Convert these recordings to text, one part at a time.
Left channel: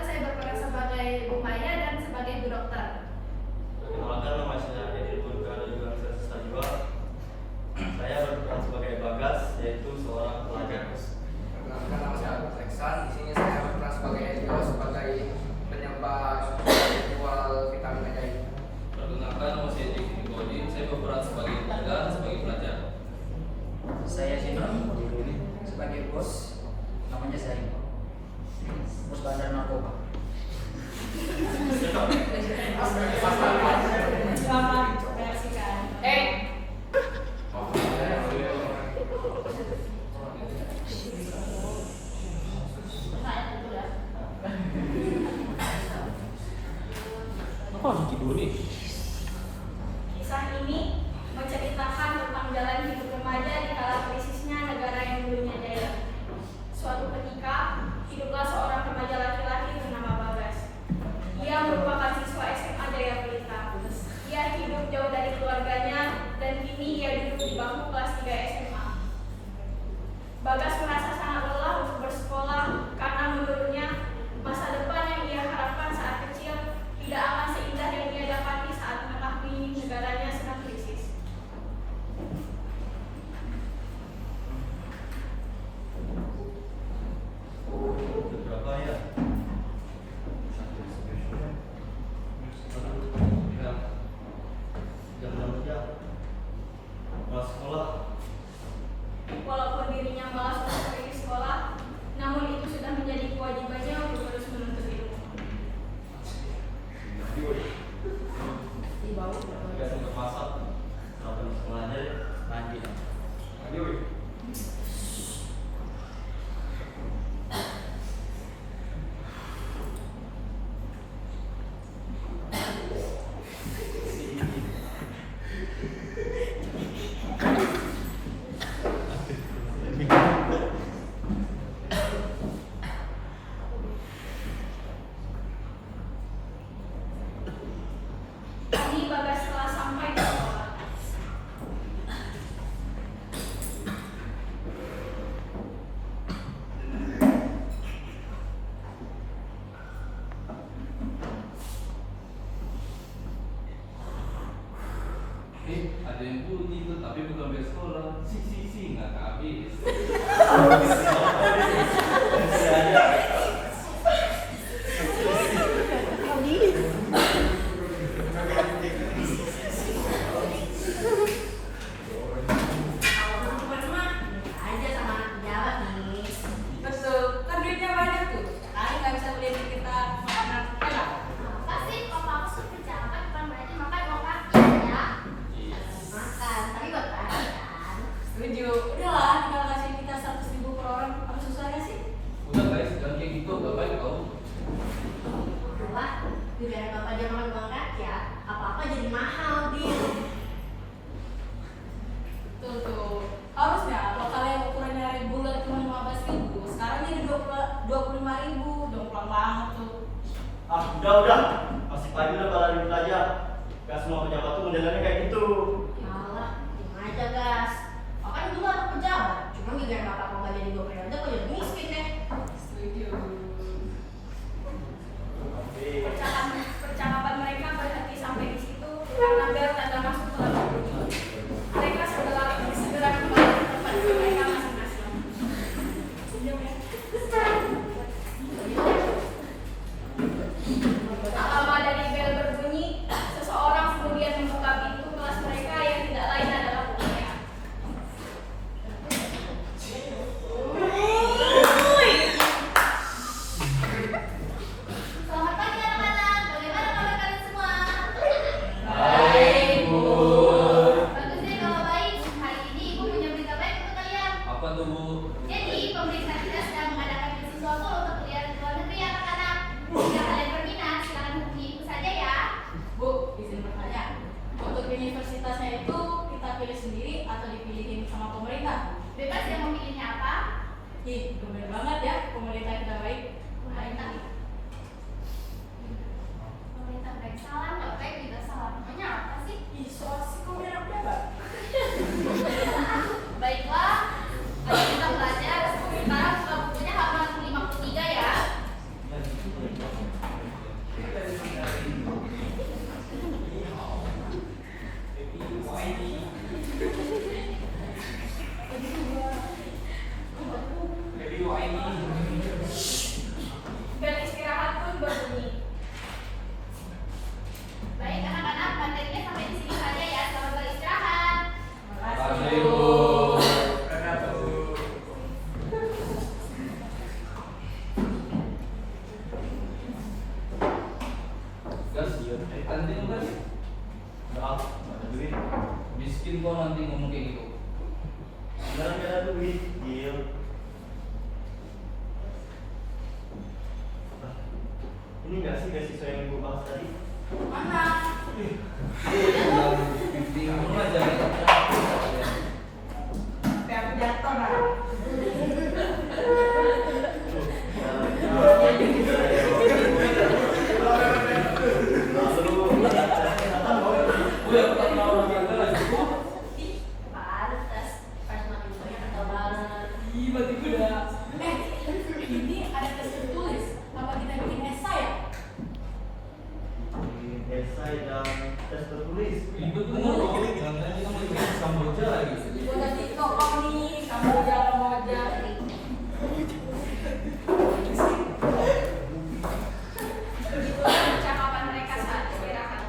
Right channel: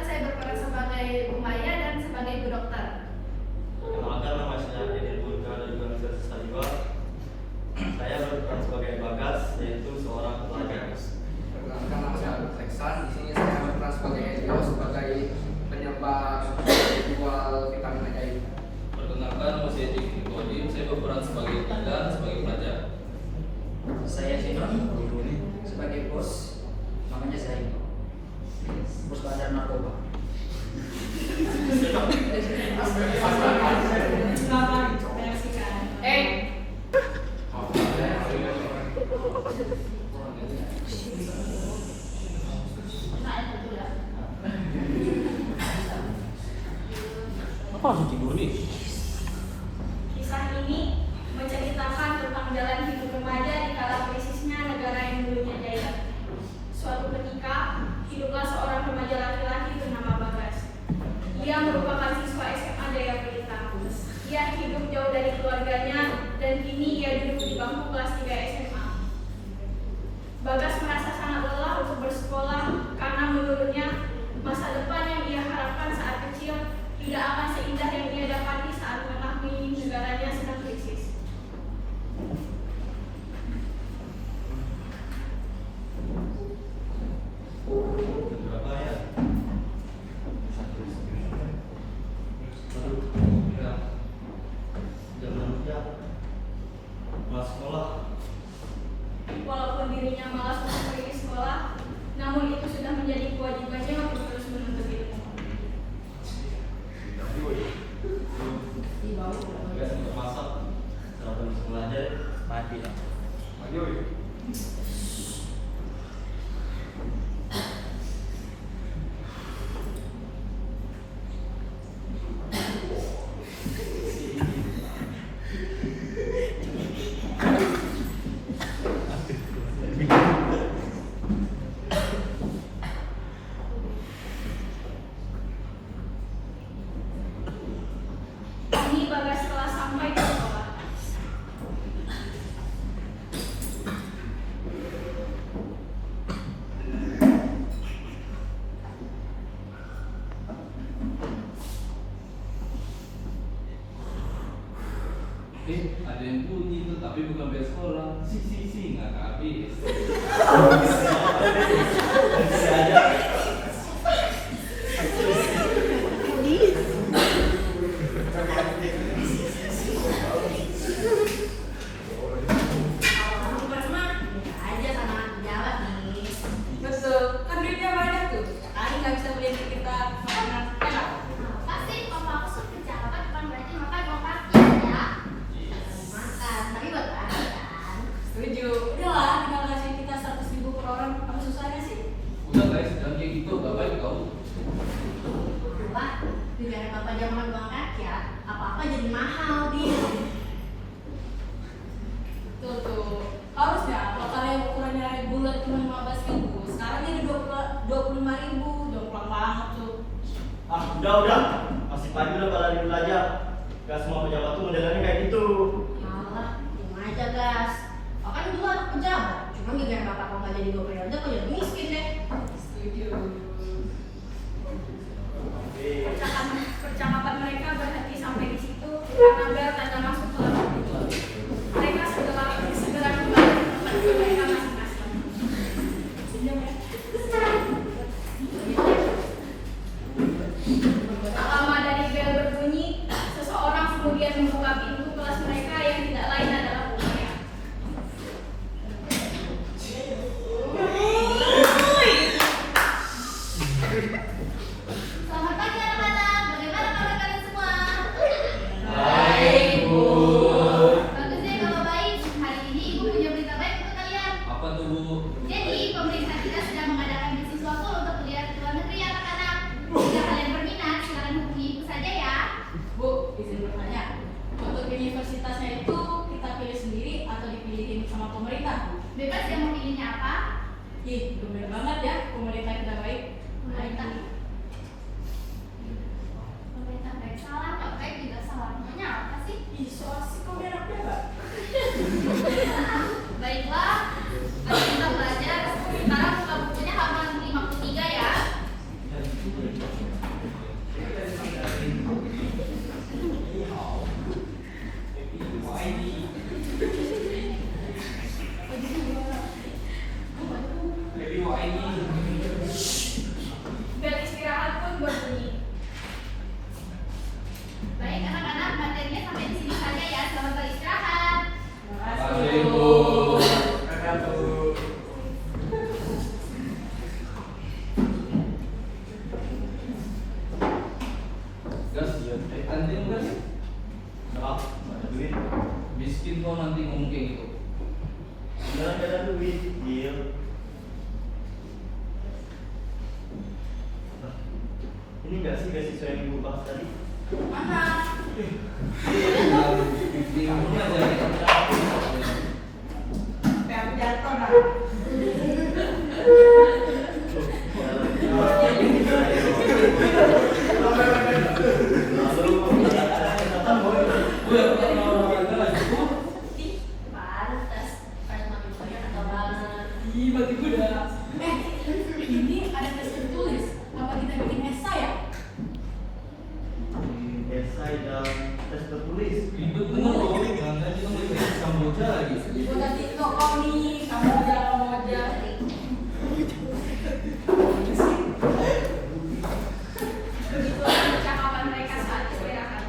Perkenalkan, saya berperan sebagai Bu Maya dan sebagai Bu Dokter. Perkenalkan, nama saya Edil Burka dari Universitas Sajwa. Saya berperan sebagai Bagas, yaitu seorang pelajar. Perkenalkan, nama saya Agus Reksan. Di sini saya berperan sebagai Elio sebagai penyebar virtual vitamin ajaib. Perkenalkan, nama saya Jeki Kodim. Saya berperan sebagai dan sebagai pelajar. Saya Sinon sebagai bos, namanya Zain, bos bandar narkoba. Selamat menyaksikan. Kisah ini menceritakan tentang jalan hidup remaja di kala krisisnya negara yang dulunya jaya. Suatu ketika, hiduplah seorang remaja laki-laki bernama Bagas. Dia merupakan siswa SMA Jayapura. Dia hidup jauh dari keluarganya dan kini ia duduk di bangku kelas 3 SMA. Bagas merasa sangat lelah untuk bersekolah karena menurutnya masa depan yang ia harapkan saat kecil tidak akan seindah yang ia dapati saat mengakui negaranya sedang krisis. Berapa ya? Jam kerja, mas sekolah. Walaupun dirinya malas untuk pergi sekolah, namun itu sudah menjadi kewajibannya untuk terus menuntut ilmu. Biasa untuk masak, kalau bisa belajar, lagi. Kini Bagas telah sampai ke sekolah. Ada yang bunyi tuh, tapi bukan bel sekolah. Si, nggak habis. Betul, kan duitnya banyak tuh. Kali nggak bisa beli kita makanan. Pasti kalau aku suka pejabat bukan berarti makan mau kaki ya. Makan, tapi buat kaki kan. Setuju. Udahlah, tinggal kasih kita 100.000 per orang. Apa susahnya sih? Udah guys, jangan kayak gitu, gak baik tau. Pak, negara bapak dia makan uang rakyat, apa-apa jadi mahal dia. Tuh tuh. Harusnya kalau kalian ukurannya dari bulan cuma 15.000, sekarang jadi 25.000, udah kurang banget tuh. Ah, udah. Masih pagi udah pada ribut aja. Gak semua pejabat tuh modelannya kayak gitu. Malah, gimana aja gas. Oh kan dulu anak pejabat, cuma gara-gara bapak kau nggak jadi gubernur, kok jadi miskin deh. Setuju. Tapi Percakapan mereka berhenti sampai di situ karena tanda masuk kelas. Mereka segera kembali ke tempat mereka masing-masing. Tak lama dari bel berbunyi, seseorang kemudian membuka pintu kelas mereka yang tidak lain adalah Bu Maya. Selamat pagi anak-anak, bagaimana kabar kalian semua? Baik, Bu. Bagus deh kalau baik. Hari ini ibu punya berita baik untuk kalian. Apa tuh, Bu? Jadi pemerintah kita sedang mengadakan beasiswa full untuk kuliah di luar negeri anak-anak. Jika kalian berminat, silakan hubungi ibu saja ya. Bu, izin bertanya. Untuk universitasnya itu kita pilih sendiri atau dipilihin sama pemerintah? Bebas yang mau pilihnya apa? Ih, bener banget ya, pemerintah kita baik. Pemerintah. Pemerintah baik salah, nggak baik juga salah. Namanya apa sih? Ih, so asik kok dia anak. Baiklah, ayo kita belajar. Sekarang buka bukunya halaman 53 ya. nggak sih beasiswa yang ibu bahas tadi? Mana? Kamu ngajarin apa? Aku jatuh nah. Gue pernah olahraga lagi. Pantes, pas makin banyak atau banget. Ih, mati gue dah. Ini ada tes tertulis. Apa kita bikin esai ya? Esai dan tes tertulis. Ribet bener loh. Nanti kita mau ikut Kamboja lagi. Udah TikTok kami, kamu jalan moja. Begitulah percakapan mereka saat istirahat.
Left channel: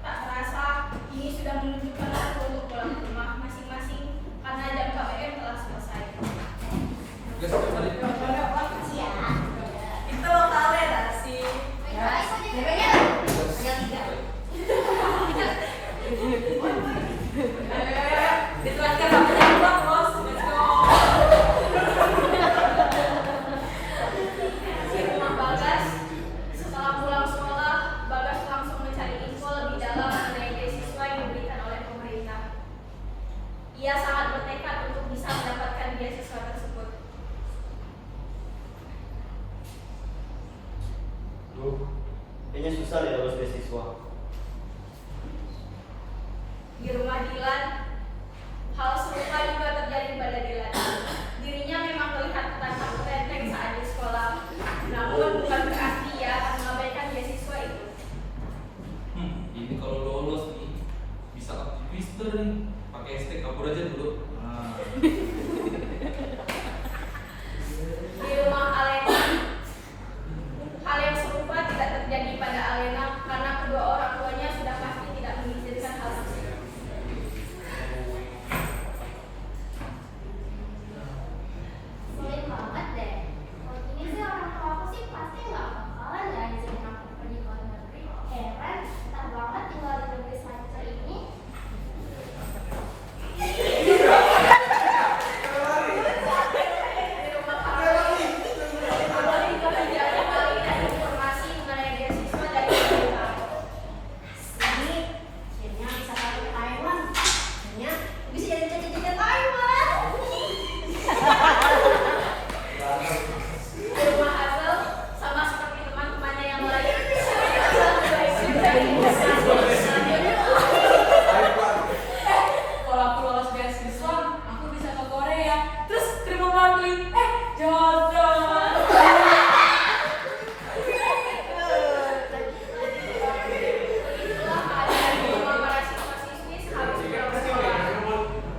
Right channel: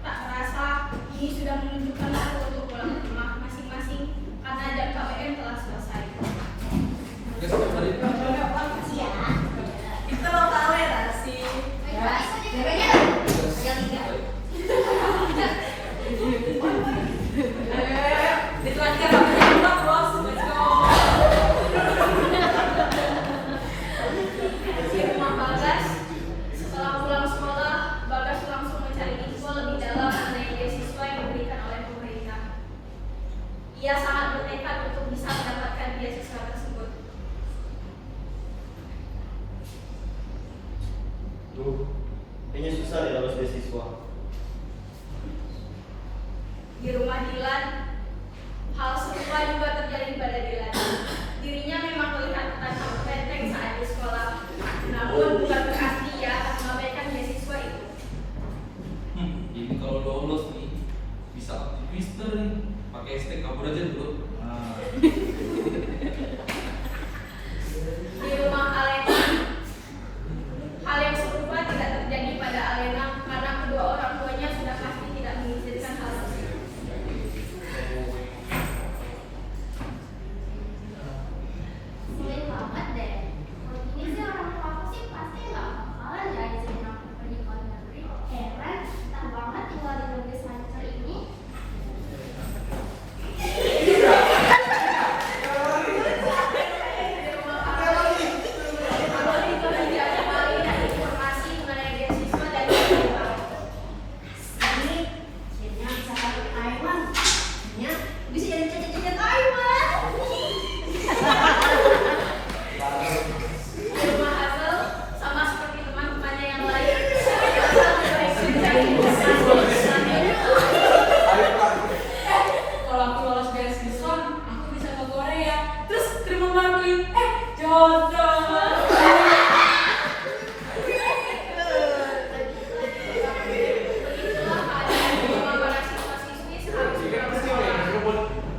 Tak terasa, ini sudah menunjukkan waktu untuk pulang ke rumah masing-masing karena jam KPM telah selesai. Ya, sampai balik. Iya. Itu lo toleransi. Ya, jaganya kan? Pegang tiga. Diterangkan namanya juga bos. Let's go. Di rumah Bagas, setelah pulang sekolah, Bagas langsung mencari info lebih dalam mengenai beasiswa yang diberikan oleh pemerintah. Ia sangat bertekad untuk bisa mendapatkan beasiswa tersebut. Duh, kayaknya susah deh lulus beasiswa. Di rumah Dilan, hal serupa juga terjadi pada Dilan. Dirinya memang terlihat tertangkap renteng saat di sekolah, namun bukan berarti ia akan mengabaikan beasiswa itu. Ini kalau lolos nih bisa aktivister nih. Pakai hashtag kabur aja dulu. Nah. Di rumah Alena, hal yang serupa tidak terjadi pada Alena karena kedua orang tuanya sudah pasti tidak mengizinkan hal tersebut. Sulit banget deh. Kalau gini sih orang tua aku sih pasti nggak bakalan ya izinin aku pergi ke luar negeri. Heran, betah banget tinggal di negeri semacam ini. Kembali ke kegiatan kali dan informasi mengenai beasiswa dari pemerintah. Ini akhirnya bisa balik ke Taiwan. Akhirnya bisa jadi cicit-cicit Taiwan. Di rumah Hazel, sama seperti teman-temannya yang lain, kalau aku lolos beasiswa, aku bisa ke Korea. Terus terima bantuin, jodoh.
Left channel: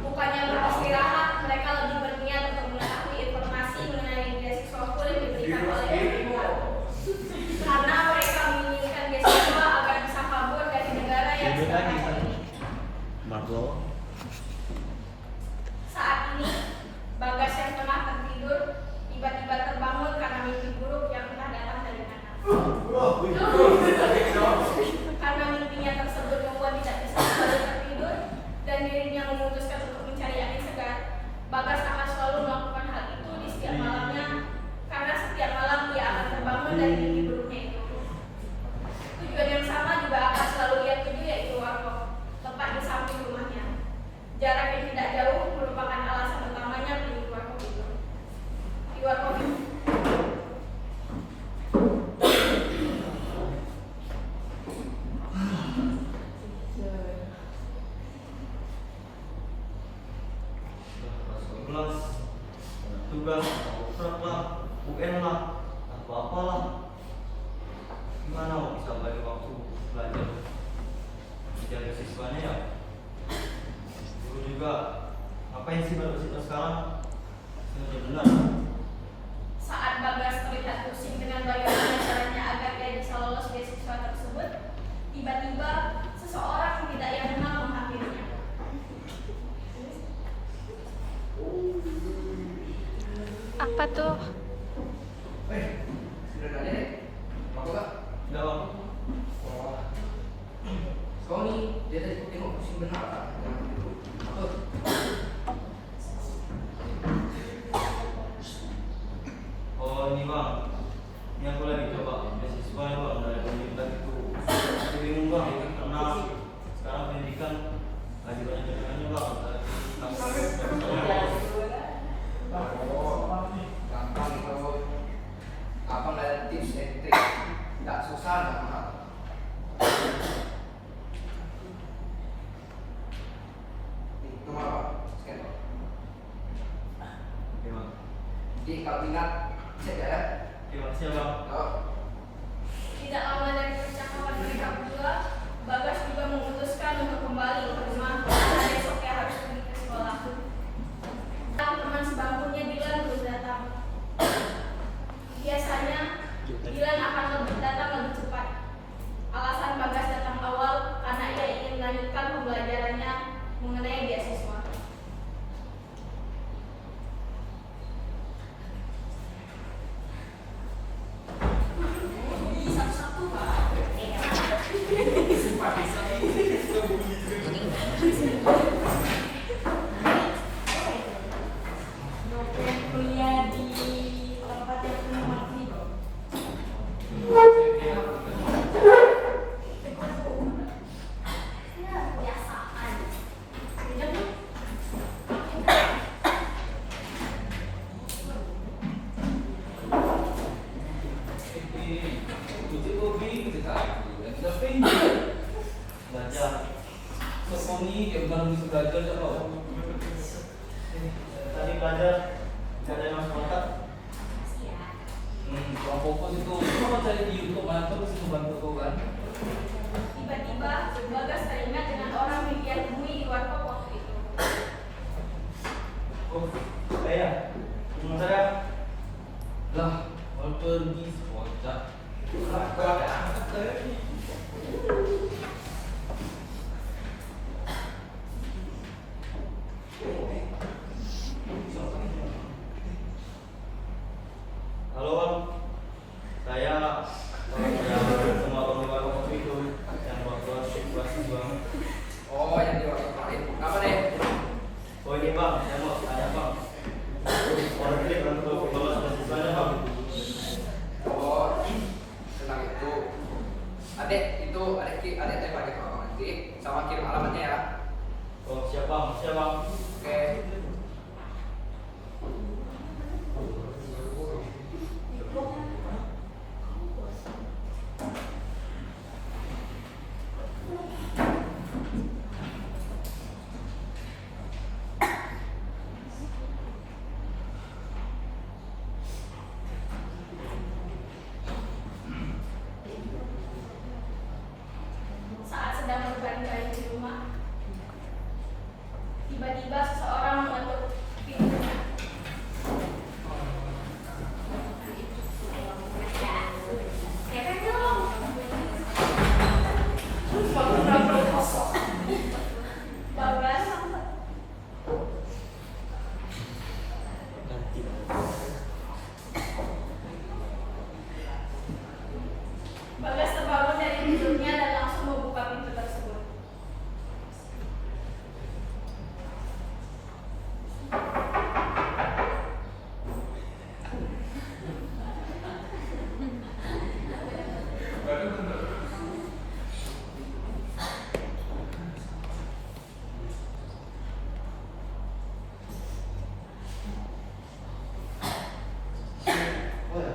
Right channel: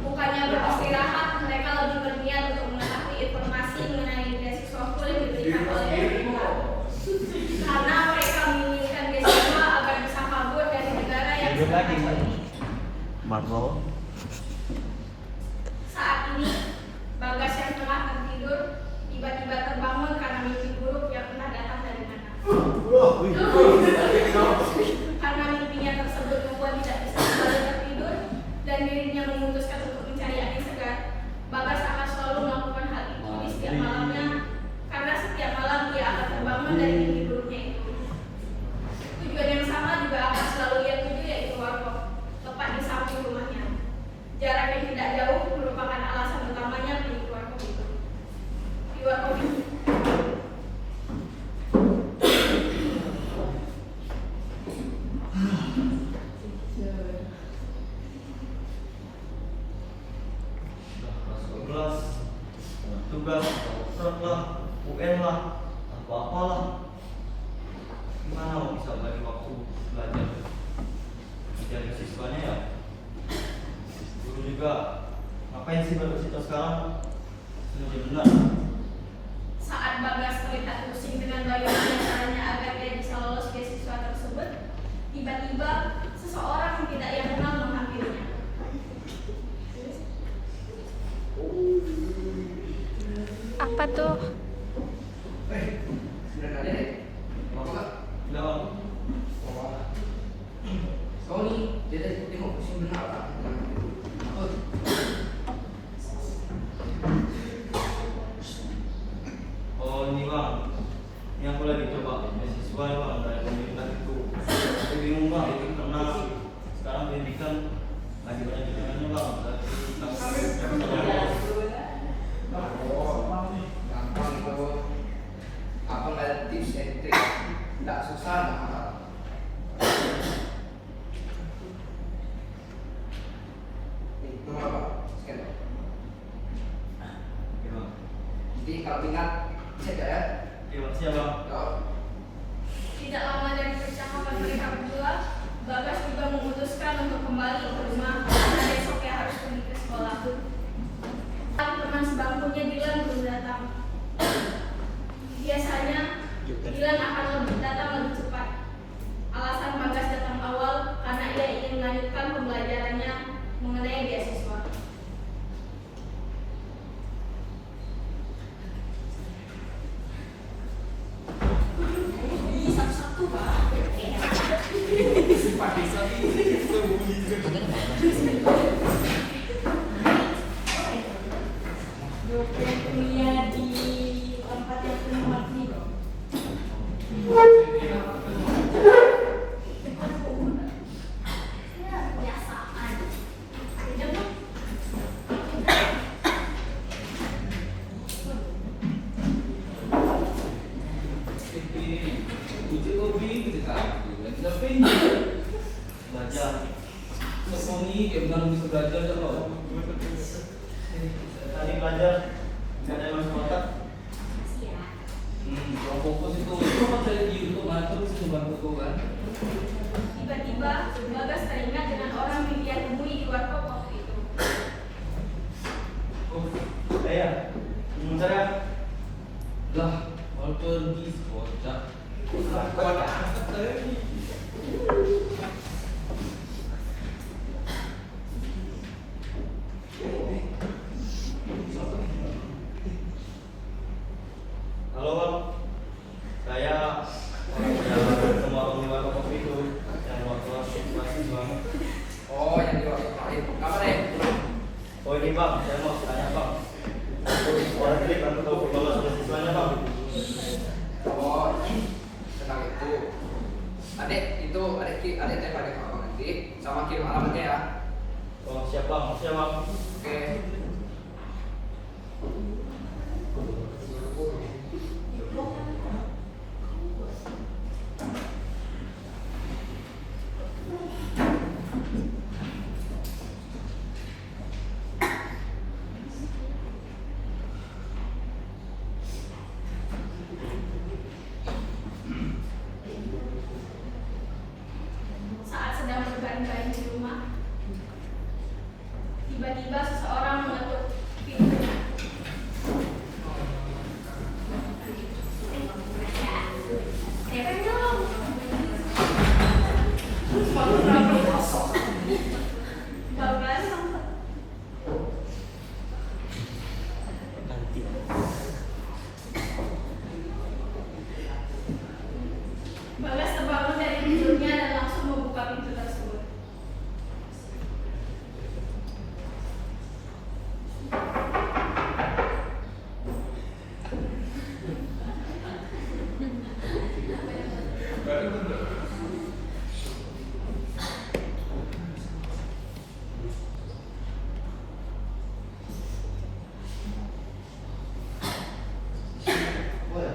Bukannya beristirahat, mereka lebih berniat untuk mengetahui informasi mengenai beasiswa full yang diberikan oleh pemerintah. Karena mereka menginginkan beasiswa agar bisa kabur dari negara yang sedang kacau ini. Marno. Saat ini, Bagas yang tengah tertidur tiba-tiba terbangun karena mimpi buruk yang telah datang dari mana. Karena mimpinya tersebut membuat tidak bisa selalu tertidur dan dirinya memutuskan untuk mencari angin segar. Bagas akan selalu melakukan hal itu di setiap malamnya karena setiap malam dia akan terbangun dari mimpi buruknya itu. Tujuan yang sama juga akan selalu ia tuju, yaitu warkop, tepat di samping rumahnya. Jarak yang tidak jauh merupakan alasan utamanya pilih warkop itu. Di warkop itu. Masuk kelas, tugas, kontrak lah, UN lah, atau apalah. Gimana mau bisa bagi waktu belajar? Tidak beasiswanya ya. Guru juga, ngapain sih beasiswa sekarang? Sudah benar. Saat Bagas terlihat pusing dengan bagaimana caranya agar dia bisa lolos beasiswa tersebut, tiba-tiba seseorang yang tidak ia kenal menghampirinya. Apa tuh? Sudah nanya deh. Mau apa? Udah bang. Kau nih, dia tadi tengok pusing benar tak? Apa? Oh ini bang, Ini aku lagi coba beasiswa ya bang dari pemerintah itu. Aku bingung bang karena sekarang pendidikan lagi banyak kecurangannya bang. Oh, gampang itu. Abang ada tips dan trik, nggak susah nggak. Itu apa? Scan. Iya bang. Jadi kalau minat cek ya. Iya bang, siap bang. Yo. Tidak lama dari percakapan mereka berdua, Bagas juga memutuskan untuk kembali ke rumah karena esoknya harus pergi ke sekolah. Tapi teman sebangkunya Dilan belum datang. Biasanya Dilan akan datang lebih cepat. Alasan Bagas datang awal karena ia ingin melanjutkan pembelajarannya mengenai beasiswa. Kuliah di tempat yang penuh makni. Ya, kebiasaan. Belajar. Kesoni kayak bilang bisa belajar kalau Tadi belajar ada masuk kotak. kurang fokus itu. Itu kan cari di YouTube terus itu bantu tuh kan. Tiba-tiba Bagas teringat dengan orang yang dia temui di warkop waktu itu. Oh, saya. Sementara Lah, kalau pergi kocak. halo bang, saya sama penjual kotak itu yang waktu situasi bang. Oh, yang di waktu kemarin. Apa deh? Oh ini bang, saya mau tanya bang. Orang ini kan tahu lulus beasiswanya bang. Oh, tentang itu. Adek itu adek tembak adik abang nanti sama kirim alamatnya ya. Oh siap bang, siap bang. Oke. Saat sedang berbaring-baring di rumah, tiba-tiba seseorang mengetuk pintunya. Keren dong. Bagas Bagas terbangun dari tidurnya dan langsung membuka pintu tersebut. Oh ya.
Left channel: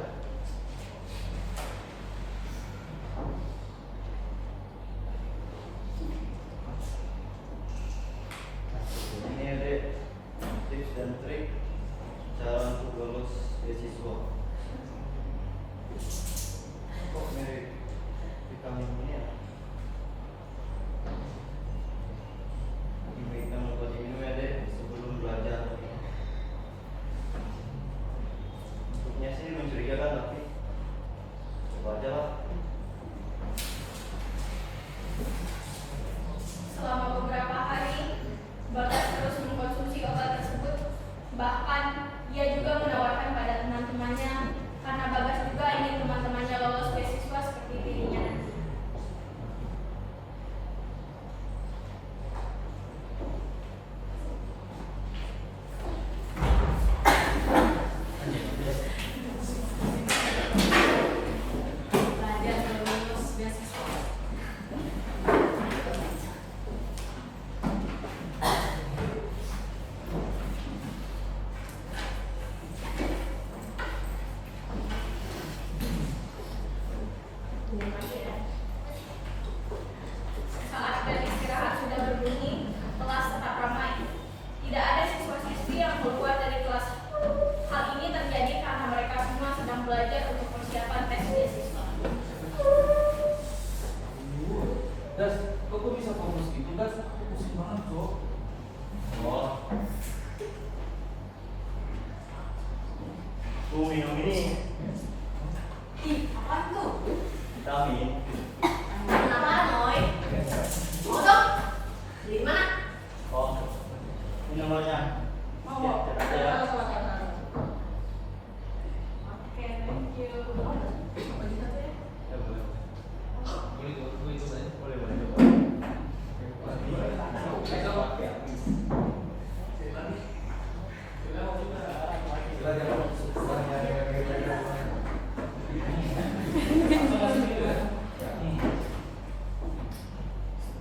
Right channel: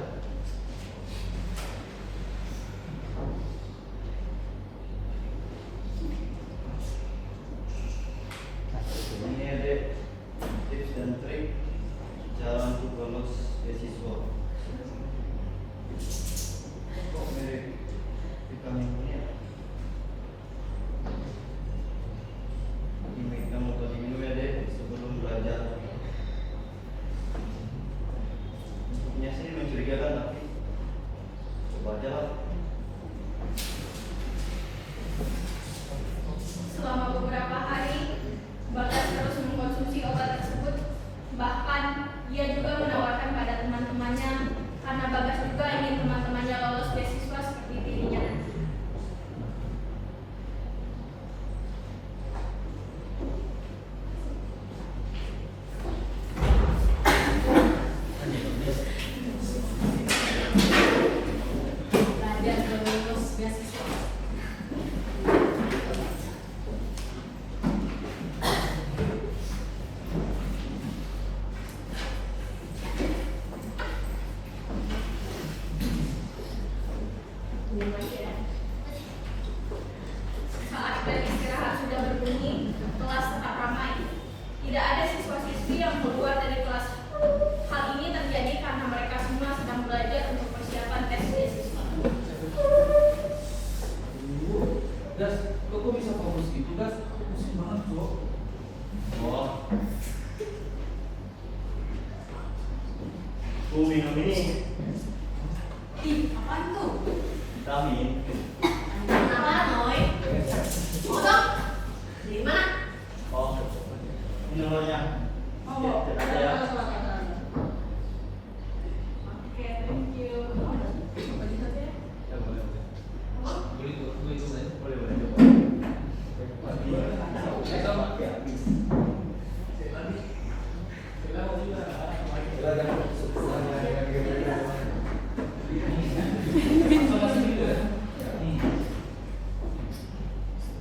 Ini ada tips dan trik cara untuk lulus beasiswa. Kok mirip vitamin ini ya? Ini kita mau kasih minum ya deh sebelum belajar. Bentuknya sih mencurigakan tapi coba aja lah. Selama beberapa hari, Bagas terus mengkonsumsi obat tersebut. Bahkan, ia juga menawarkan pada teman-temannya karena Bagas juga ingin teman-temannya lolos beasiswa seperti dirinya nanti. gitu dah, pusing banget bro. Oh, Minum ini Ih, apaan tuh? vitamin. Kenapa, Noy? Bodoh. Di mana? Oh, ini nomornya. Oh, Lihat aja ya. Oke, thank you. Ya, boleh. boleh gue itu saja. Boleh, boleh.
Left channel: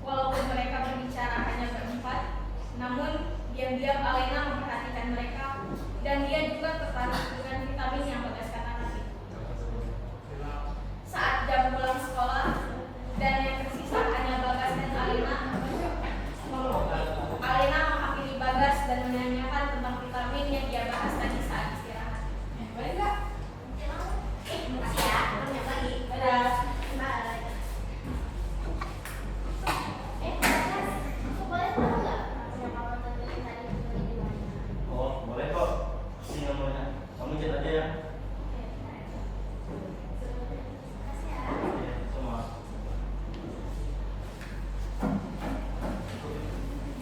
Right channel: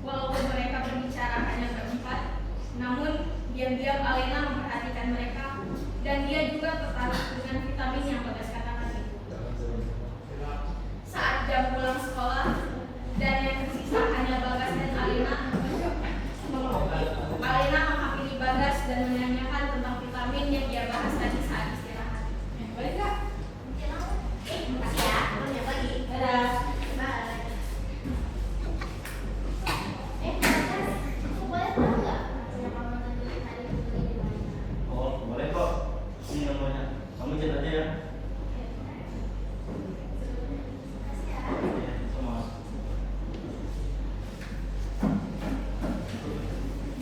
Walaupun mereka berbicara hanya berempat, namun diam-diam Alena memperhatikan mereka dan dia juga tertarik dengan vitamin yang Bagas katakan itu. Saat jam pulang sekolah dan yang tersisa hanya Bagas dan Alena, Alena menghampiri Bagas dan menanyakan tentang vitamin yang dia bahas tadi saat istirahat. Boleh nggak? Makasih ya, selamat pagi. Dadah. Bye. Bagas, aku boleh tahu nggak siapa mantan dari tadi itu di mana? Oh, boleh kok. Ini nomornya. Kamu chat aja ya. Makasih ya. Oke, sama.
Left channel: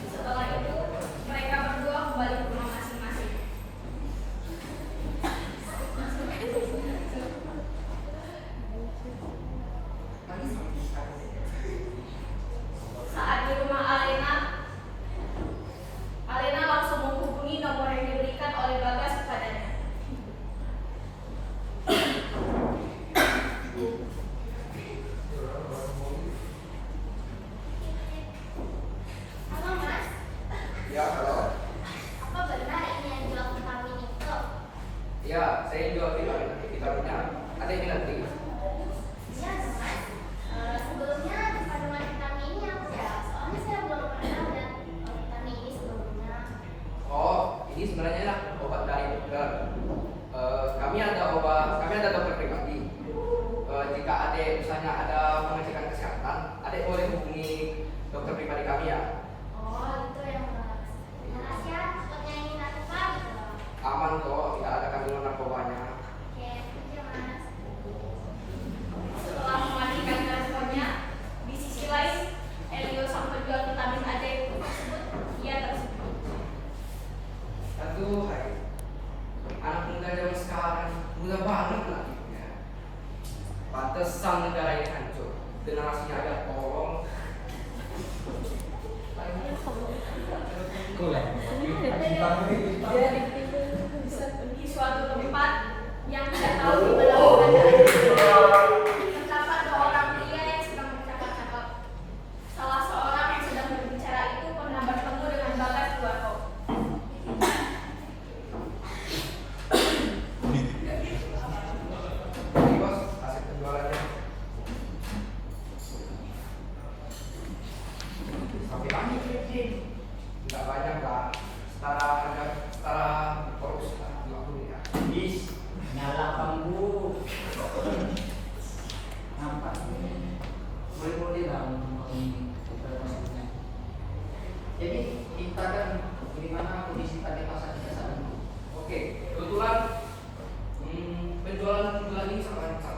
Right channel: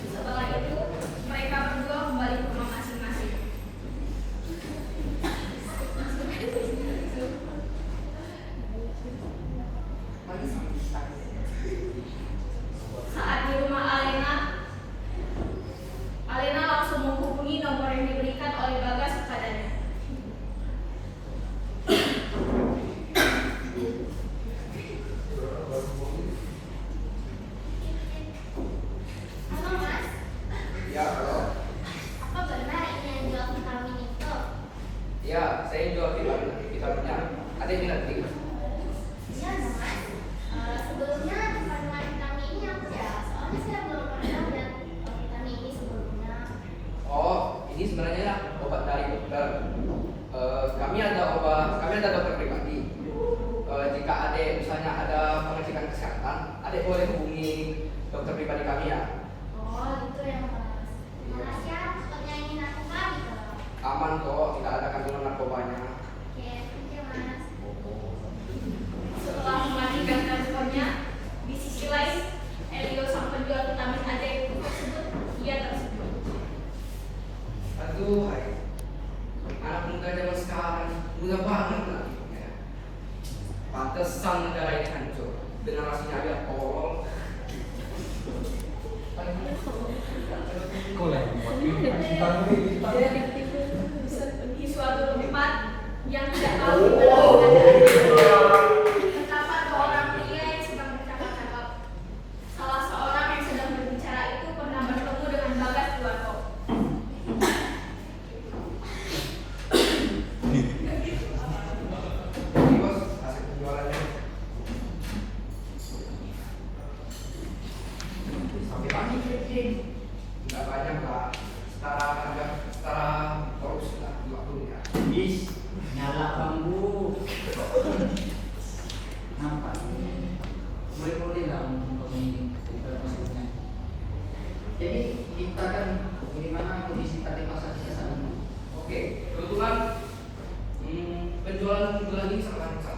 Setelah itu, mereka berdua kembali ke rumah masing-masing. Saat di rumah Alena, Alena langsung menghubungi nomor yang diberikan oleh Bagas kepadanya. Halo Mas, Ya, halo. apa benar ini yang jual vitamin itu? Ya, saya jual vitaminnya. Ada yang minat nih? Iya dong Mas. Sebelumnya kandungan vitamin ini apa ya? Soalnya saya belum pernah lihat vitamin ini sebelumnya. Oh, ini sebenarnya obat dari dokter. Kami ada dokter pribadi. Jika ada misalnya ada pengecekan kesehatan, ada boleh hubungi dokter pribadi kami ya. Oh, itu ya Mas. Makasih ya, takutnya ini narkoba gitu. Aman kok, tidak ada kandungan narkobanya. Oke, thank you Mas. Setelah mematikan teleponnya, di sisi lain, Elio sang penjual vitamin ajaib tersebut, ia tersebut. Aduh, hai. Anak muda zaman sekarang muda banget lah. Ya. Pantesan negara ini hancur. Generasinya aja tolong. Di suatu tempat yang tidak tahu di mana terdapat dua orang pria yang sedang bercakap-cakap. Salah seorang yang sedang berbicara itu pernah bertemu dengan Bagas di warkop. Ini bos, hasil penjualannya. Sampai pagi. Tidak banyak lah. Setara korupsi lah 50 ya. Is, nyala bambu. Nampak. Boleh-boleh lah untuk ini kita masukkan. Jadi kita kan bagaimana kondisi tadi pasar kita saat ini? Oke, kebetulan penjualan bulan ini sangat lancar.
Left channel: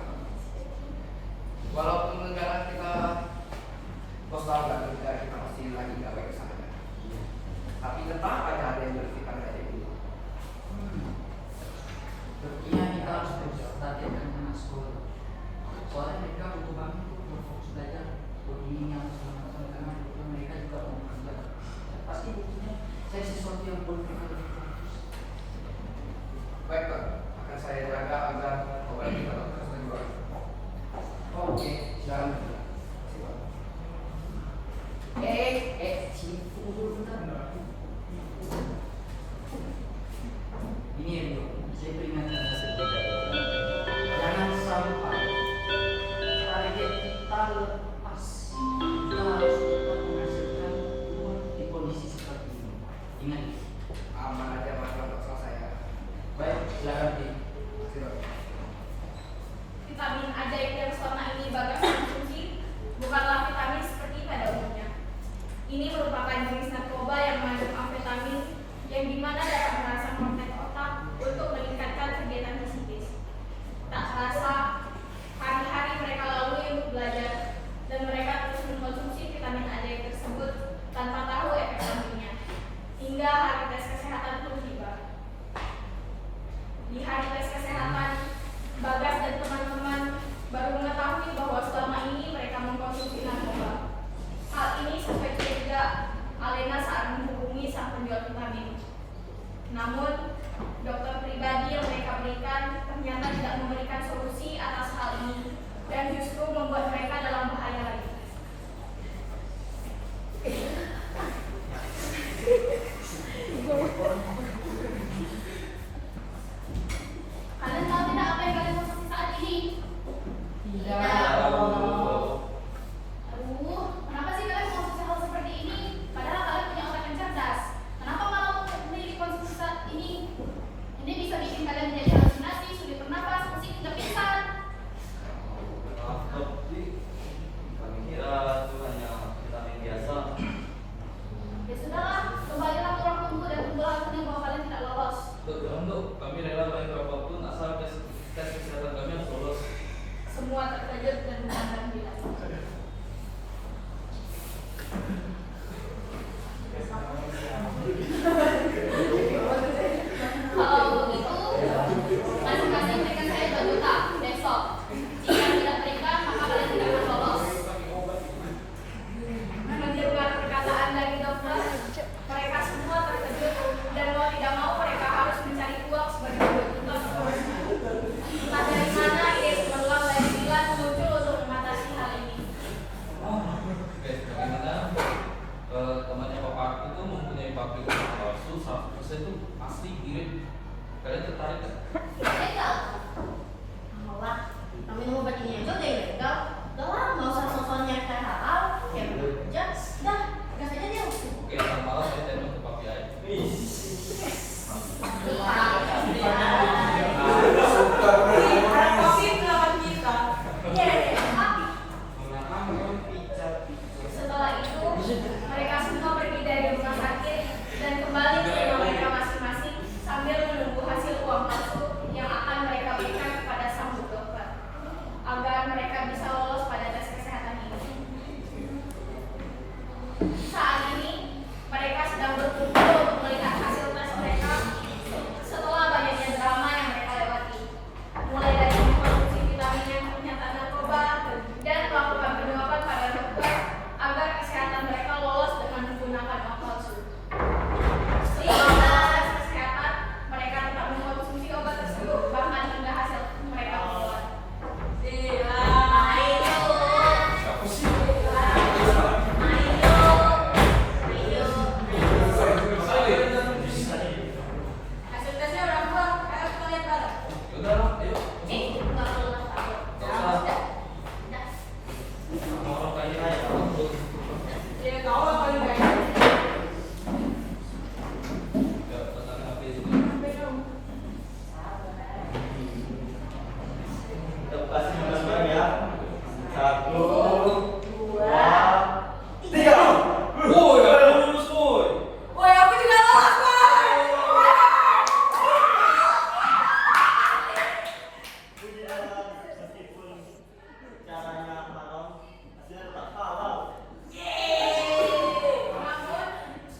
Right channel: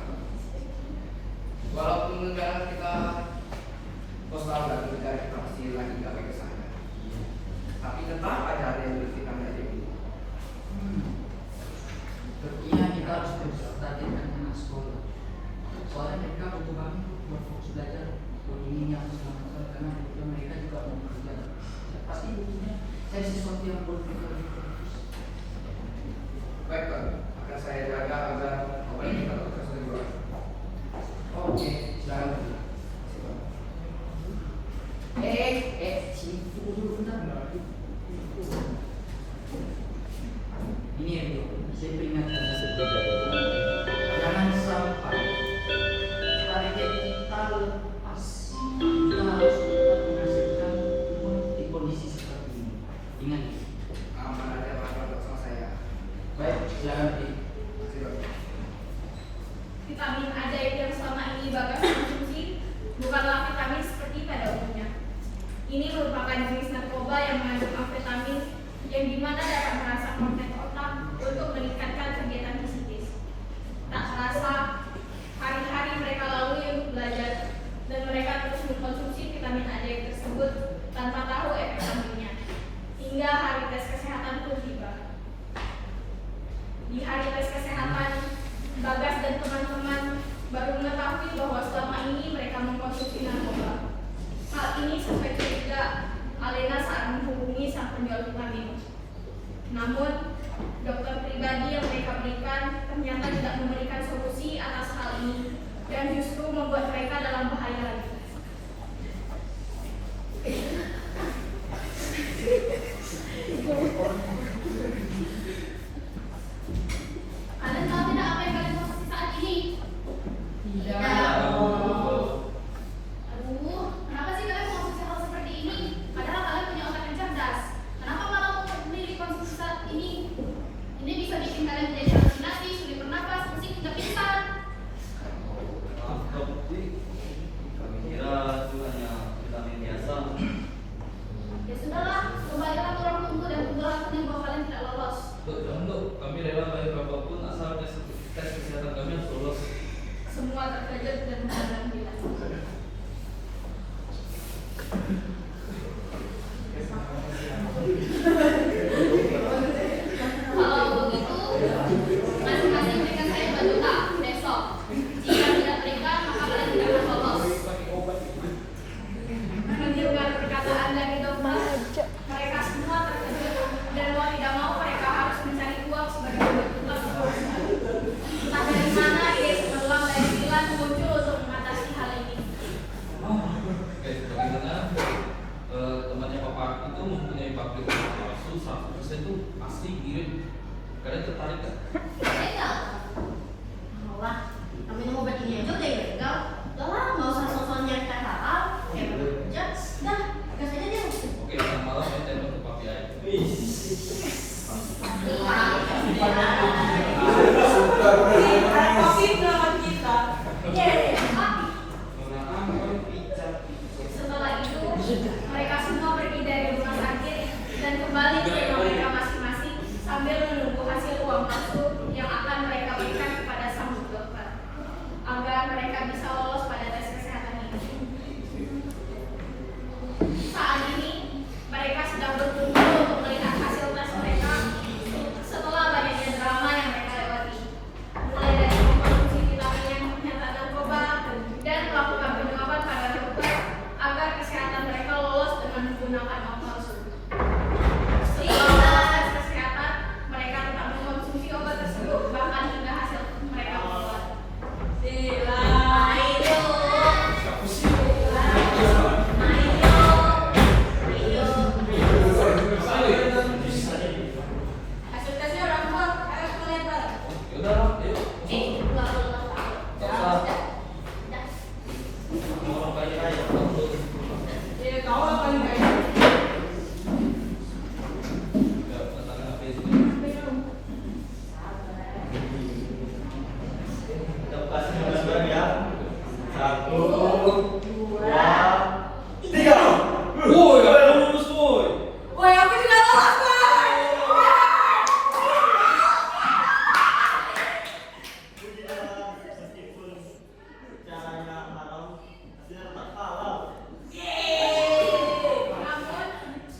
Walaupun negara kita kosong dan negara kita masih lagi nggak baik sana. Tapi tetap ada yang kita nggak jadi. Iya, kita harus berstrategi dengan anak sekolah. Soalnya mereka butuh banget buat fokus belajar. Ini yang harus dilakukan karena kebetulan mereka juga mau belajar. Pasti butuhnya cari sesuatu yang buat mereka lebih fokus. Baik Pak, akan saya jaga agar obat ini tetap terus berjualan. Oke, silakan. Sini dulu bentar. Ini Rio, saya peringatkan jangan sampai target kita lepas. Kita harus tetap menghasilkan uang di kondisi seperti ini. Ingat, Aman aja makan bersama saya. baik, silakan di. Vitamin ajaib yang selama ini Bagas konsumsi bukanlah vitamin seperti pada umumnya. Ini merupakan jenis narkoba yang mengandung amfetamin yang dimana dapat merangsang magnet otak untuk meningkatkan kegiatan psikis. Tak terasa, hari-hari mereka lalui untuk belajar dan mereka terus mengkonsumsi vitamin AD tersebut tanpa tahu efek sampingnya. Hingga hari tes kesehatan pun tiba. Di hari tes kesehatan, Bagas dan teman-teman baru mengetahui bahwa selama ini mereka mengkonsumsi narkoba. Hal ini sampai curiga Alena saat menghubungi sang penjual vitamin. Namun, dokter pribadi yang mereka berikan ternyata tidak memberikan solusi atas hal ini dan justru membuat mereka dalam bahaya lagi. Kalian tahu tidak apa yang kalian konsumsi saat ini? Tidak. Aduh, kenapa sih kalian mengkonsumsi hal seperti ini? Padahal kalian punya otak yang cerdas. Kenapa malah memilih konsumsi saat ini? Ini bisa bikin kalian menjadi halusinasi, sulit bernapas, pusing hingga pingsan. Maaf dok, kami kira itu hanya vitamin biasa. Ya sudahlah, kembalilah ke ruang tunggu dan tunggu hasilnya bahwa kalian tidak lolos. Jangan dok, kami rela bayar berapapun asal tes kesehatan kami harus lolos. Semua terkejut dan memandang dia. Kalau begitu, masing-masing berikan saya 2 juta besok. Jika tidak berikan, maka kalian tidak akan lolos. Mendengar perkataan dari dokter, mereka semua terkejut dan mau tidak mau mereka harus mencari uang sebagai bentuk kepuasan. Entah dari mana ide peluang dari bulan muncul untuk mengatasi hal ini. Oke, bagaimana temannya Bapak itu mempunyai pabrik palsu 100% itu asli mirip. Kalian tertarik kan? Legal. Mau lah, kami mau obat ini aja udah ilegal. Udah lah, nggak usah sosoknya kayak halal. Aja, udah, gas aja deh. Oke, yang malam saya telepon ke Papi aja. Setelah itu, mereka semua pergi dari rumah sakit dan kembali ke rumah mereka masing-masing sambil menunggu hasil uang palsu yang akan mereka berikan kepada sang dokter agar mereka bisa lolos pada tes kesehatan ini. Saat ini, mereka sedang berkumpul untuk melihat hasil tes mereka setelah banyaknya drama yang mereka lewati. Mulai dari mengkonsumsi vitamin yang ternyata narkoba dan melakukan penyuapan pada dokter agar kesehatan mereka lolos dengan menggunakan uang palsu. Sehingga tes kesehatan, mereka tidak mengkonsumsi obat tersebut bahkan hingga hasil mereka keluar. Hasil tesnya udah keluar, ayo kita lihat bareng. Yaudah lah, ayo. Keluar keluar. Udah. Mau kayak raya, Ya, kau apa ini? ya, tentang apa itu? Kita kasih bareng ya. 1, 2, 3. Oh, ya lulus, boy. Woi, aku tidak lolos, Pak. Puji Tuhan, meskipun caranya haram, hasilnya tak halal. Namun,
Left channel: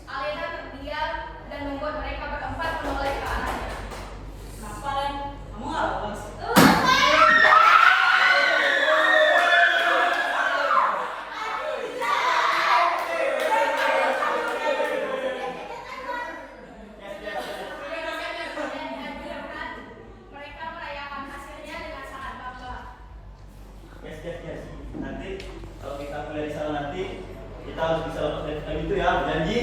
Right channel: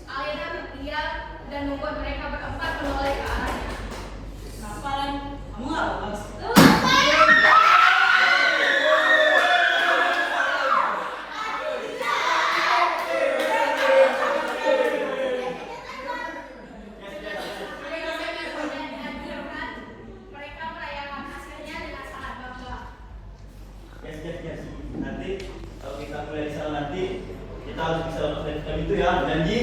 Alena terdiam dan membuat mereka berempat menoleh ke arahnya. Kapan? Kamu nggak lolos? Mereka merayakan hasilnya dengan sangat bangga. Yes. Nanti kalau kita mulai di sana nanti kita harus bisa lolos dari itu ya, janji.